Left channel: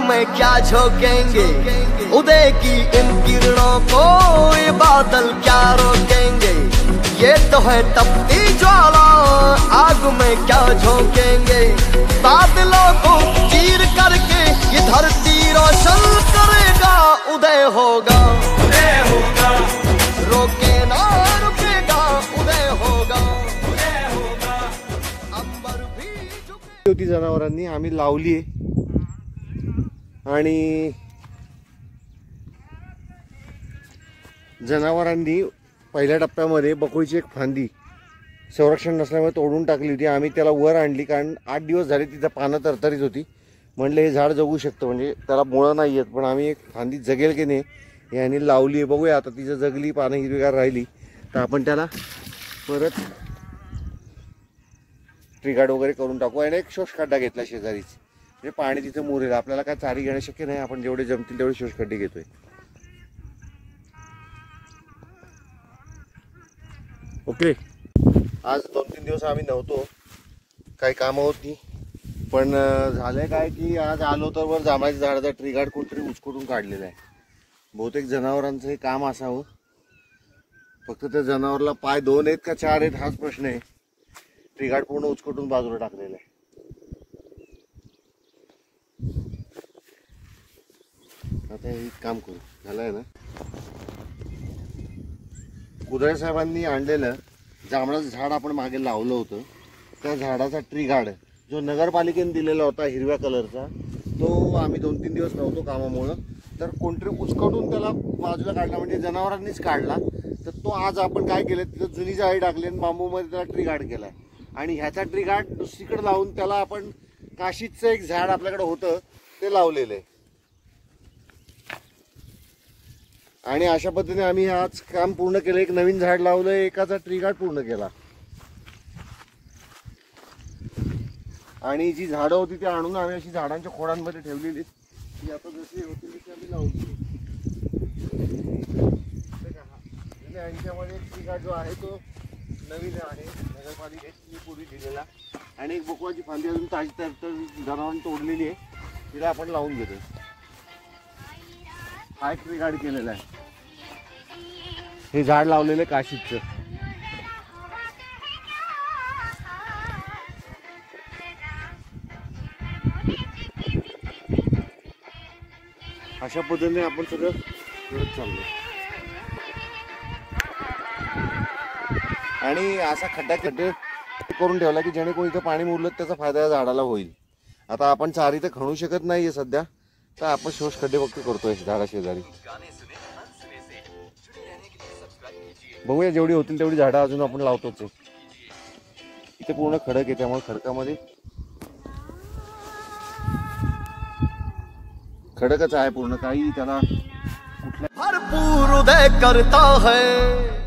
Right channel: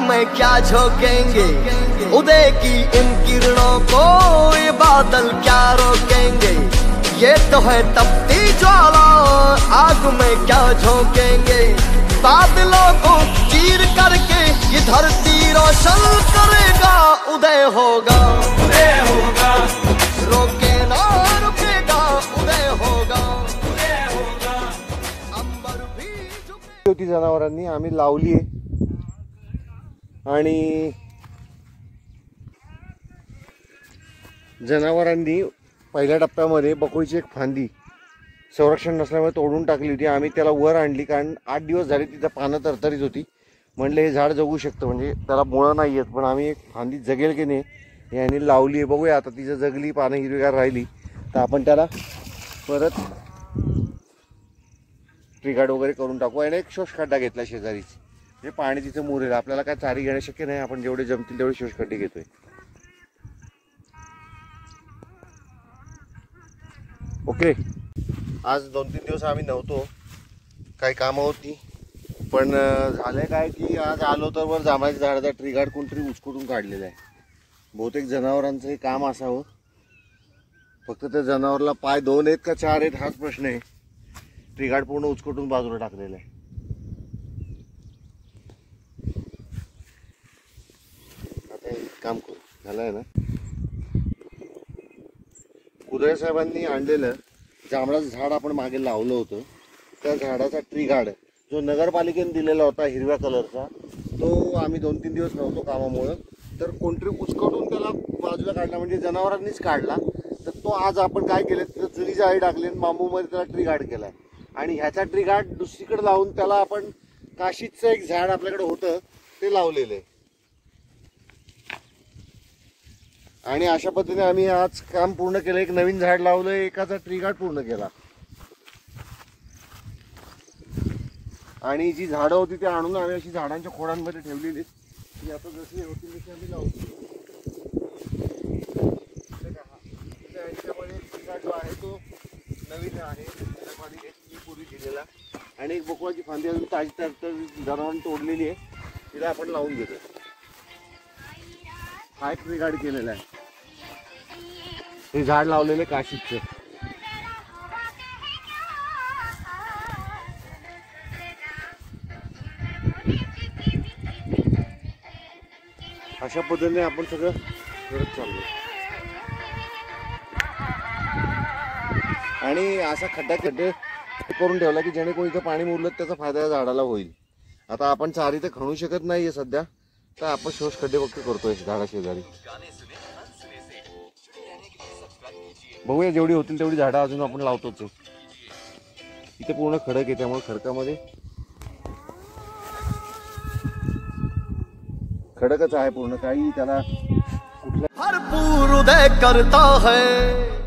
में क्या झोंकेंगे, उदय की इन किरणों को ये बादल क्या रोकेंगे। ये तो है तपती ज्वाला, आग में क्या झोंकेंगे। बादलों को चीर करके ये धरती रोशन करेगा। उदय होगा, उदय होगा, रोके ना रुकेगा। उदय होगा, उदय होगा, अंबर भी झुके। जनावरांनी आम्ही लावली आणि जनावरांनी पहिल्या टप्प्यामध्ये बकुळीची एक फांदी संरक्षण नसल्यामुळे तोडून टाकली होती। आम्ही त्याला वर आणली कारण 8 दिवस झाले तिथं पानं तरतरीत होती। म्हणलं हे झाड जगू शकतं, म्हणजे त्याला मुळं नाही आहेत, पण आम्ही एक फांदी जगेल की नाही यांनी लावली आहे। बघूया आता तिचं जगली, पानं हिरवीगार राहिली तर आपण त्याला परत ट्रिगार्ड वगैरे करून टाकू। आणि एक शोष खड्डा घेतला शेजारीच, म्हणजे पाणी तिथे मुरेल। आपल्याला काय चारी घेणं शक्य नाही, आपण जेवढे जमतील तेवढे शोष खड्डे घेतोय। ओके, आज 2-3 दिवस आम्ही नव्हतो, काही कामं होती, पण झालंय काय की आज आलो तर वर जांभळाच्या झाडाचा ट्रिगार्ड कोणतरी उचकटून काढलेला आहे। बहुतेक जनावरांचं हे काम असावं, फक्त त्या जनावरला पाय 2 आहेत का 4 आहेत हाच प्रश्न आहे। ट्रिगार्ड पूर्ण उचकटून बाजूला टाकलेला आहे। आता एक काम करू, झालंय ना, उदय साहेबांनी आणलेलं जांभळाचं झाड आपण मागे लावलं होतं, त्या झाडाचा ट्रिगार्ड जो नगरपालिकेने दिलेला होता हिरव्या कलरचा, तो आम्ही 2-3 दिवस नव्हतो कामामुळे, तर कोणतरी उचकटून त्याला बाजूला काढला, म्हणजे जनावरांनीच काढला। तर तो आज आपण काय केलं, तिथं जुनी जाळी टाकली आणि बांबूमध्ये त्याला ट्रिगार्ड केलाय। आणि ह्याचा ट्रिगार्ड दुसरीकडे लावून त्याला आपण काशीचं एक झाड आपल्याकडे होतं ते लावलेलं आहे। आणि अशा पद्धतीने आम्ही आज काम पूर्ण केलं, एक नवीन झाड लावलं, एकाचा ट्रिगार्ड पूर्ण केला। आणि जी झाडं होती ती आणून आम्ही अशी झाडांच्या खोडांमध्ये ठेवलेली, ती आता जशी होती तशी आम्ही लावली। यांच्यामध्ये ट्रिगार्ड जो आहे तो नवीन आहे, नगरपालिकेने पूर्वी दिलेला। आणि एक बकुळाची फांदी अजून ताजी जनावरांनी तोडलेली आहे, तिला आपण लावून घेतो। हा ट्रिगार्ड केलेला आहे, हे झाड लावलेलं काशीचं। अशा पद्धतीने आपण सगळं करत चाललो। आणि असा खड्डे करून ठेवला की जेणेकरून इथे पाणी मुरलं त्याचा फायदा झाडाला होईल। आता आपण चारी तर खणू शकत नाहीये सध्या, तर आपण शोष खड्डे फक्त करतोय झाडा शेजारी। बघूया जेवढी होतील तेवढी झाडं अजून आपण लावतोच। इथे पूर्ण खडक आहे, त्यामुळे खडकामध्ये खडकच आहे पूर्ण, काही त्याला कुठल्या भरपूर उदय करता है।